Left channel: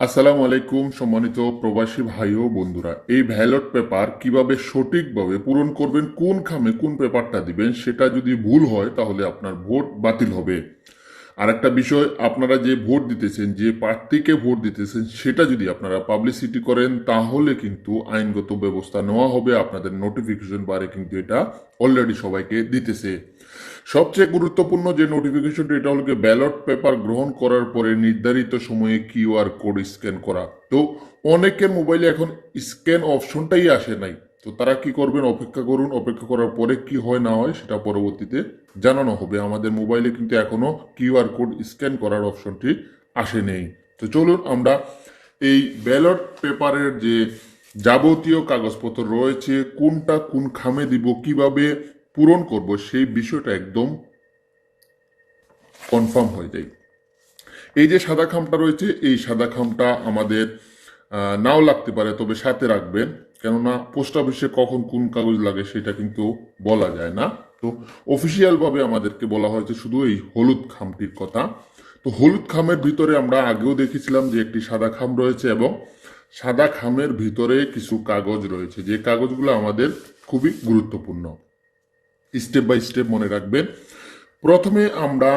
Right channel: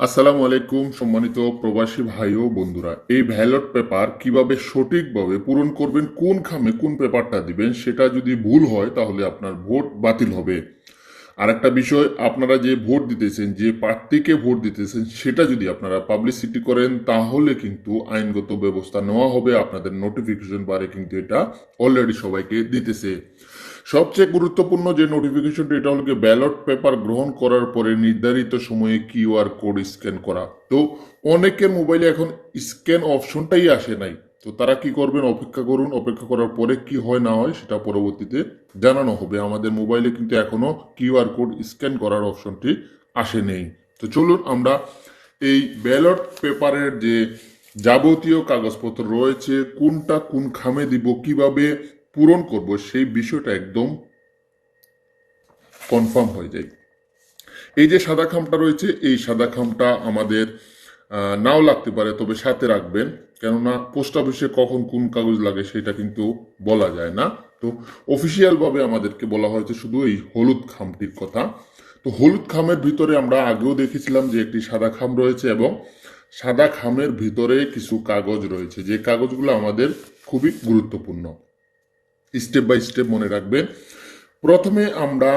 আসসালামু আলাইকুম সম্মানিত প্রবাসী ভাই ও বন্ধুরা, এই ব্যালট পেপার কিভাবে সঠিকভাবে পূরণ করবেন, কোন খামে কোন পেপারটা দিবেন, সেটা যদি ভুল হয় তাহলে আপনার ভোট বাতিল হবে। আর একটা বিষয়, আপনারা যে ভোট দিতেছেন, যে প্রার্থীকে ভোট দিতেছেন, সেটা যদি আপনারা পাবলিসিটি করেন তাহলে কিন্তু আইনগত ব্যবস্থা নেওয়া হবে। আপনাদের নোটিফিকেশন বারে কিন্তু এটা অলরেডি সবাইকে দিতেছে। সবচেয়ে গুরুত্বপূর্ণ যে নোটিফিকেশনটি, এটা হলো ব্যালট পেপার গ্রহণ করার পরে নির্ধারিত সময়ে কিউআর কোড স্ক্যান করা। তো অনেকের মোবাইলে এখন স্ক্যান অপশনটাই আসে নাই। তো তারা কি করবেন, অপেক্ষা করুন। অপেক্ষা করার পরে কি হয় না হয় সেটা পরবর্তীতে জানানো হবে। আমাদের মোবাইলে কিন্তু এখনো কিউআর কোড স্ক্যান করার অপশনটি আসে নেই। তো চলুন আমরা এই ব্যালট পেপারের যে যাবতীয় কাগজপত্র রয়েছে, কোনটা কোন খামে দিব, কিভাবে পূরণ করব, সেই বিষয়টা একদম কনফার্ম হয়ে যায়। এই যে সাদা খামটা রয়েছে, এই সাদা খামটা আমাদের নাও লাগতে পারে, তবে সাথে রাখবেন। কেননা পোস্ট অফিসে কখন কোন কাগজ লাগে সেটা কিন্তু বলা যায় না। তো অফিসিয়াল ভাবে আমাদেরকে বলা হয়েছে শুধু এই হলুদ খামটির কথা। তো হলুদ খামের ভিতরে আমরা আগেও দেখেছিলাম যে একটি সাদা খাম রয়েছে, এবং সাদা খামের ভিতরে কিছু কাগজ রয়েছে, যে কাগজগুলো আমাদের খুবই গুরুত্বপূর্ণ। স্টেপ বাই স্টেপ মনে রাখবেন। প্রথমে আমরা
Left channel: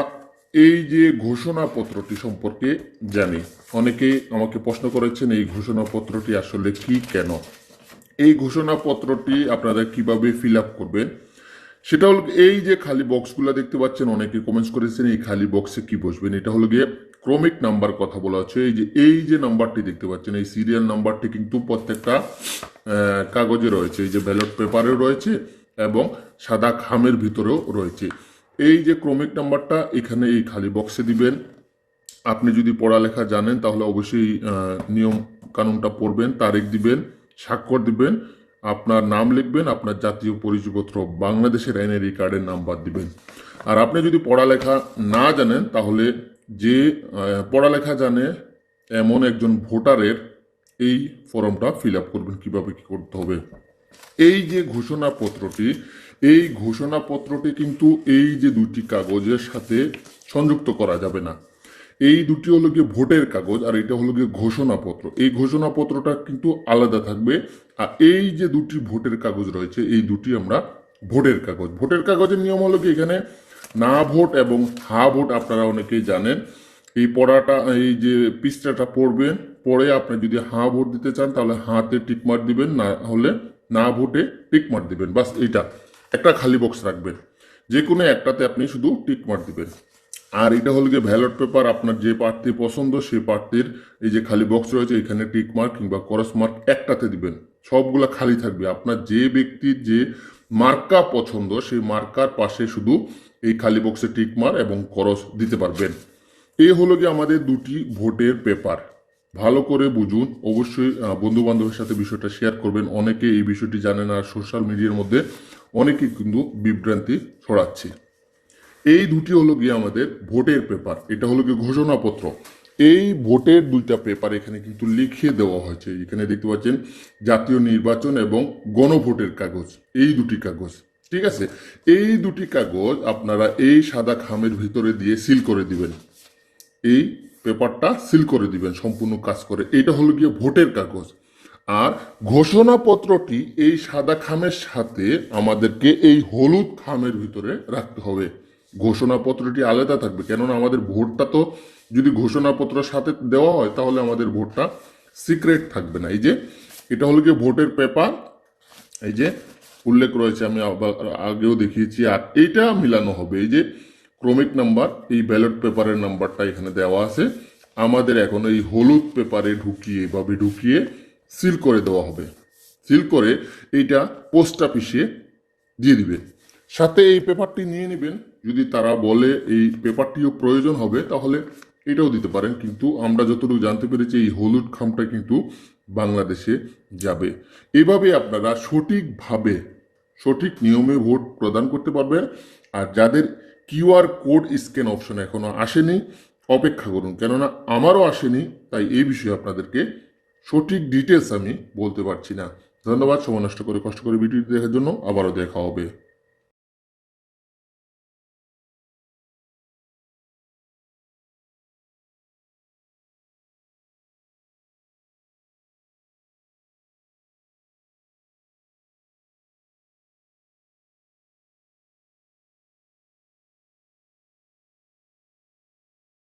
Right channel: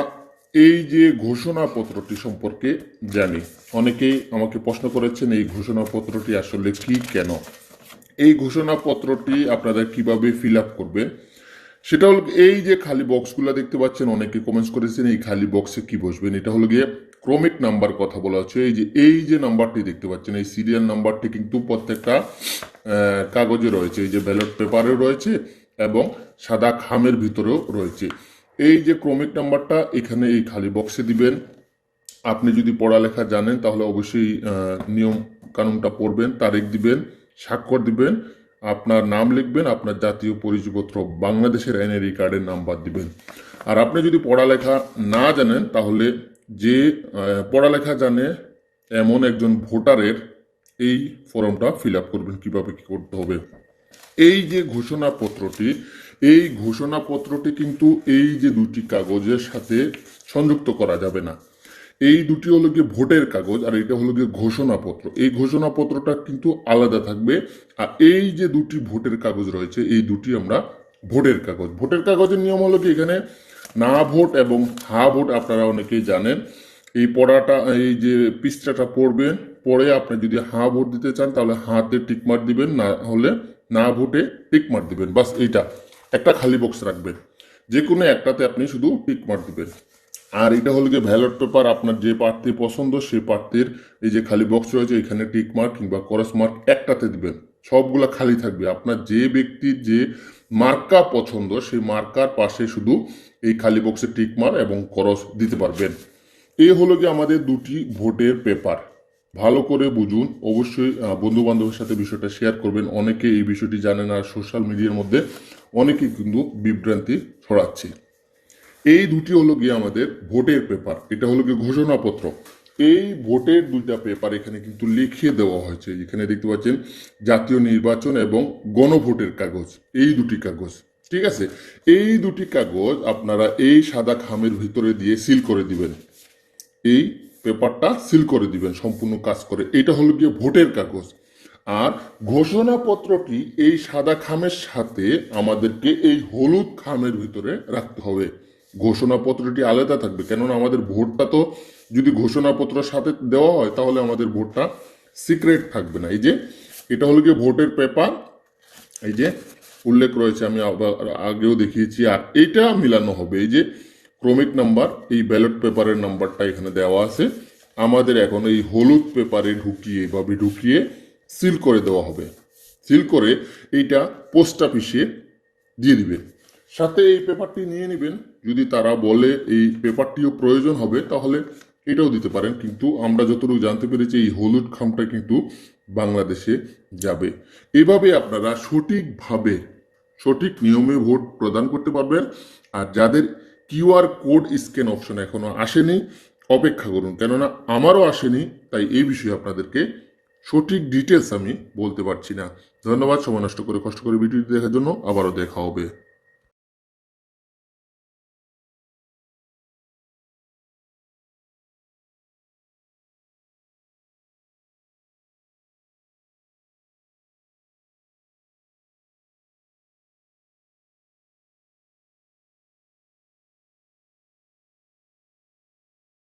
এই যে ঘোষণাপত্রটি সম্পর্কে জানি। অনেকেই আমাকে প্রশ্ন করেছেন এই ঘোষণাপত্রটি আসলে কি, কেন। এই ঘোষণাপত্রটি আপনারা কিভাবে ফিল আপ করবে, সেটা হলো এই যে খালি বক্সগুলো দেখতে পাচ্ছেন, অনেকে কমেন্টস করেছেন এই খালি বক্সে কি বসবেন। এটা হলো গিয়ে ক্রমিক নাম্বার কথা বলা হচ্ছে। এই যে নাম্বারটি দেখতে পাচ্ছেন, এই সিরিয়াল নাম্বারটি কিন্তু প্রত্যেকটা কাগজে রয়েছে, এই যে ব্যালট পেপারে রয়েছে এবং সাদা খামের ভিতরেও রয়েছে। এই যে ক্রমিক নাম্বারটা এখানে এই খালি বক্সে দিবেন। আপনি যদি পড়ালেখা জানেন তাহলে অবশ্যই নিয়ম কানুনটা পড়বেন, তারিখ দিবেন, স্বাক্ষর দিবেন, আপনার নাম লিখবেন, আপনার জাতীয় পরিচয়পত্র বাংলাদেশের এনআইডি কার্ডের নাম্বার দিবেন। আর আপনি যদি পড়ালেখা না জানেন তাহলে যে পড়ালেখা জানে এমন একজন ভোটারের এই ফর্মটা ফিল আপ করবেন। কিভাবে কি করতে হবে, এই যে ঘোষণাপত্রটি, এই ঘোষণাপত্রটি কিন্তু এই যে দুটি কাগজের সাথে সংযুক্ত করা যাবে না। এই দুটি হলো গিয়ে ভোটের কাগজ, আর এটা হলো গিয়ে ঘোষণাপত্র। এই ঘোষণাপত্রটা কিন্তু আলাদা থাকবে। আর এই যে দুটি ভোটের কাগজ রয়েছে, এই দুটি আমরা ভোটের কাগজ। ভোটের কাগজের নিয়ম হলো কি, এখানে না ভোট এবং হা ভোট আপনারা অনেকেই জানেন। এই পড়াটা, এই যে পৃষ্ঠাটা পড়বেন, পড়ে আপনি যদি হা ভোট দিতে চান তাহলে হাতে টিকমার দিবেন, না হলে না ভোটে টিকমার দিবেন। বাস এইটা একটা খালি বক্স রাখবেন, যে কোনো একটাতে আপনি শুধু টিকমার দিবেন। আর এটা হলো গিয়ে ব্যালট পেপার, আপনার যে প্রার্থী পছন্দ সেই প্রার্থীর এই যে খালি বক্স রয়েছে, এখানে টিক মার্ক কিংবা ক্রস মার্ক একটাতে দিবেন। সবগুলা খালি থাকবে। আপনার যে ব্যক্তির যে মার্কা পছন্দ সেই মার্কার পাশে শুধু এই খালি বক্সে টিক মার্ক এবং ক্রস দিতে পারবেন। এই হলো কি আমাদের দুটি ভোটের পেপার। ভালো করে বুঝুন। অবশ্যই বন্ধু বান্ধবের সাথে বিষয়টা শেয়ার করবেন। অনেকে এই বিষয়টি জানে না, সোশ্যাল মিডিয়ার মধ্যে অনেকে কিন্তু বিভ্রান্তি ছড়াচ্ছে। এই দুটি হলো গিয়ে আমাদের ভোটের পেপার, এটা হলো গিয়ে ঘোষণাপত্র। এই ভোটের দুইটা পেপার এখানে কিন্তু লিখে দেওয়া হয়েছে। এখানে দেখতে পাচ্ছেন জাতীয় নির্বাচন এবং গণভোটের কাগজ, এই দুটি কাগজ। ঠিক আছে, এই দুটি কাগজ আপনারা এই সাদা খামের ভিতরে দিয়ে সিল করে দিবেন। এই পেপারটা সিল করে দিবেন সম্পূর্ণ কাজ করে। এটা হলো গিয়ে ভোটের কাগজ। আর ঘোষণাপত্রটি এই সাদা খামের সাথে আমাদেরকে এই হলুদ খামের ভিতরে রাখতে হবে। ঘোষণাপত্রটি আলাদা থাকবে, কেননা আমাদের ভোটটা তো যদি ঘোষণাপত্রের সাথে দেওয়া হয় তাহলে আমাদের ভোটটা সিক্রেট থাকবে না। এই যে এটা হলো গিয়ে ভোটের পেপার, এই যে উল্লেখ রয়েছে, আমি আগেও দেখিয়েছি। আর এইটা মিলানো হবে, এই যে ক্রমিক নাম্বার, এই ব্যালট পেপারের নাম্বারটা এখানে দেওয়া আছে। আমাদের এখন এই হলুদ পেপারে ঢুকিয়ে সিল করে দেওয়া হবে। সিল করে এইটা পোস্ট অফিসে দিয়ে দিবেন। সাথে এই পেপারটি নিয়ে নেবেন। যদি তারা বলে এই পেপারটিও প্রয়োজন হবে তাহলে এটাও দিতে পারেন, কিন্তু আমরা যতটুকু জানতে পেরেছি এই হলুদ খামটা কিন্তু বাংলাদেশে যাবে। এইভাবে আপনারা সঠিকভাবে সঠিক নিয়মে ভোট প্রদান করতে পারবেন। আর যাদের কিউআর কোড স্ক্যান অপশন এখনো আসেনি, অপেক্ষা করুন, কেননা আমারও আসেনি। তাই এই বিষয়ে আপনাদেরকে সঠিক ডিটেলস আমি বলতে পারছি না। ধন্যবাদ সময় নষ্ট করে কষ্ট করে ভিডিওটি দেখার জন্য। আবারও দেখা হবে।